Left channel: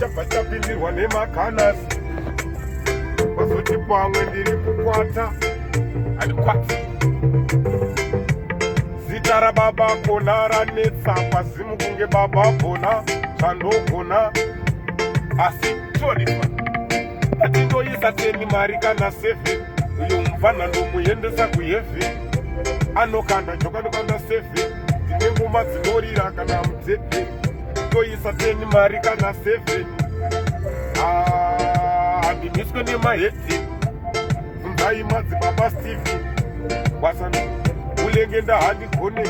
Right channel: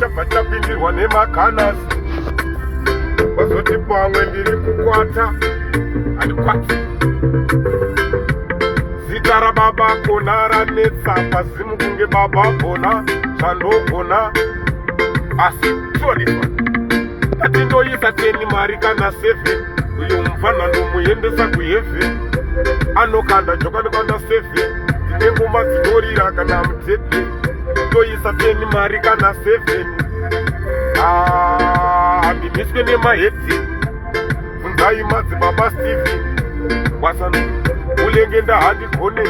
chabva chapindirwa nemakanasi. Wazoti pamwe ndiri kukwata, handikwati. Zita rababa kona ranetsa, pazimu kunge baba bona, zvandogona. Asi tioniswa, atindoisa 10 mari kana 7, uyo mufana ndomuendesa kuheaven. Anokanda joka nekanda 7, tine ngoma dzinorira kana mutete. Toisa 10 mari kana 7. Handimiswe nemahedhi. Bvunzai madzibaba Steven Wasano, ulenge ndahandigone.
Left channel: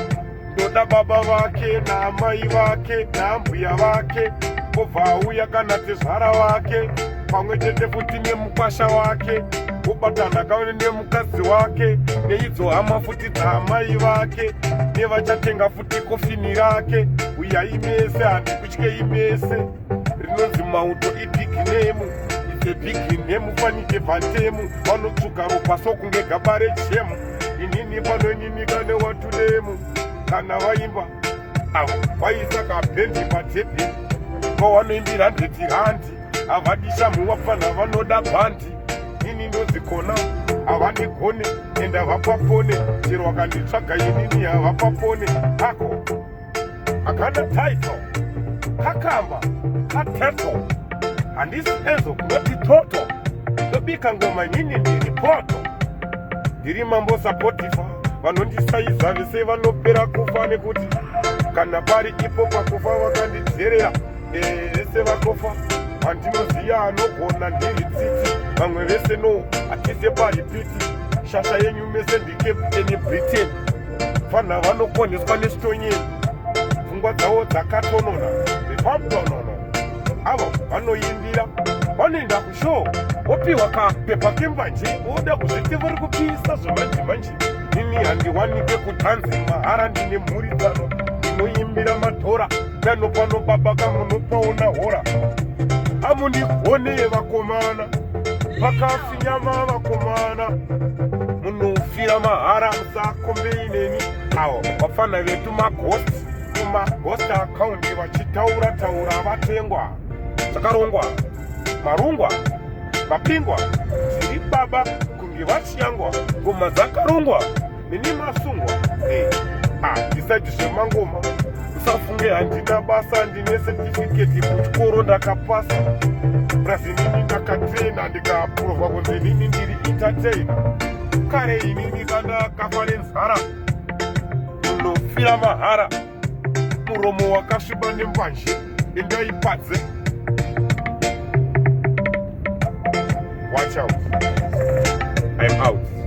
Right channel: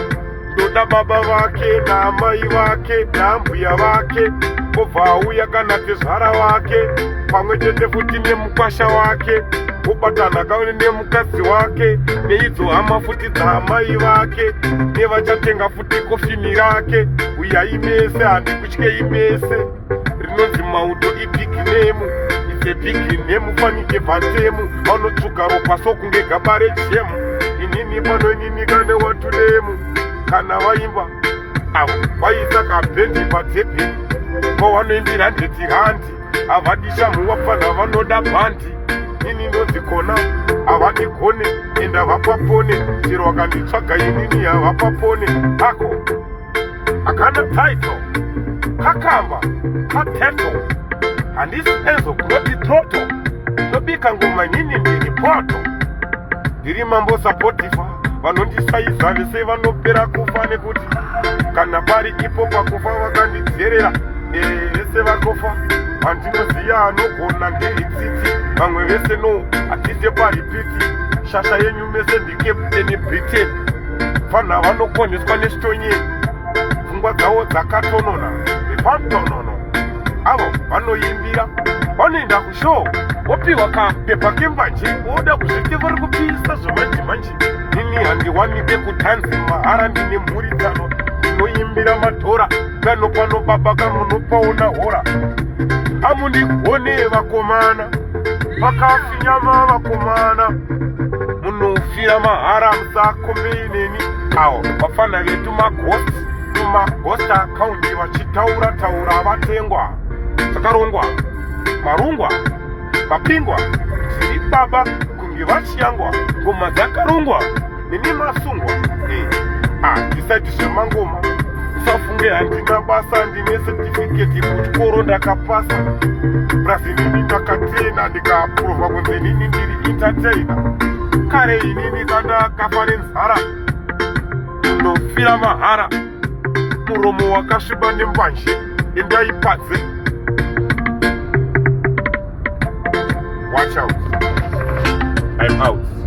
Ndoda baba vake naamai vake naambuya vake, obva auya kana tezvara vake, pamwe chete futi nemukwasha wake, obatana kaone nemukadzi wake, neidzo hama futi dzaamai vake, nevachatenga futi kofini rake. Uyai mese, handikutyei mese. Rinonzi mauto ibhiginemu, ise bhiginemu fanike bhatemu. Vanotsvuka ropa sokunge gaba rejemu, inini panoininika newatunemu. Kana vaimba avo vaisa kabhendi patepi, kwavanoimbira ndeti handi. Havadisha muwapana vanoda bhandi, ini ndozikona havadigone, enda vapapone. Chero vakanditsvaga inini havapapone. Ako akana taito kakamba kateto, handisi ezo kunoti toto. Ndobika ngoma inini ndiri poto, ndiri mambo Spotify. Vanondisaiza vese vanopera kufa, nekuti kana pari ipo pakufa vakandidzerera. Vese vakofa, handinoziya anogona ndiri tsitsi. Vamwe vese no, atise paripiti. Shasha yenyu mese ndikepteni Britain. Fana vanokoneswa nestonyeni, pfungwa dzavo dzakatonona nepamtonono. Avo vanoimbira, vanoenda kushow, opiwa kapepa kembanje, oda kuzviti vari kupisa zvemanji. Nini handiwanike kutanzi mahara, ndine mhuri dzano, ndinoimbira madhora. Kano pano baba kanonopaona hora. Amundigone vakomana, pakafinyama vakomana, munofira mahara musakombeineni. Avo vafana vetu maghost, kumaghost akaundi vachitaura vatengwa. Chakarongwa marungwa mapingwa zviri baba kunge vachiyangwa, ngoma dzakarongwa nini masungwa. Ndisaiti zvemangoma, usafunge handina basa, ndine setifiketi kuchikoro ndakapasa. Brazilini ndakatrena ndikaapurova kunze nini ndiri entertainer. Kare inini kandakafa nenzara, ndinofira mahara. Muromo wakasviba nembanje, endaipadze. Watch out. I'm out.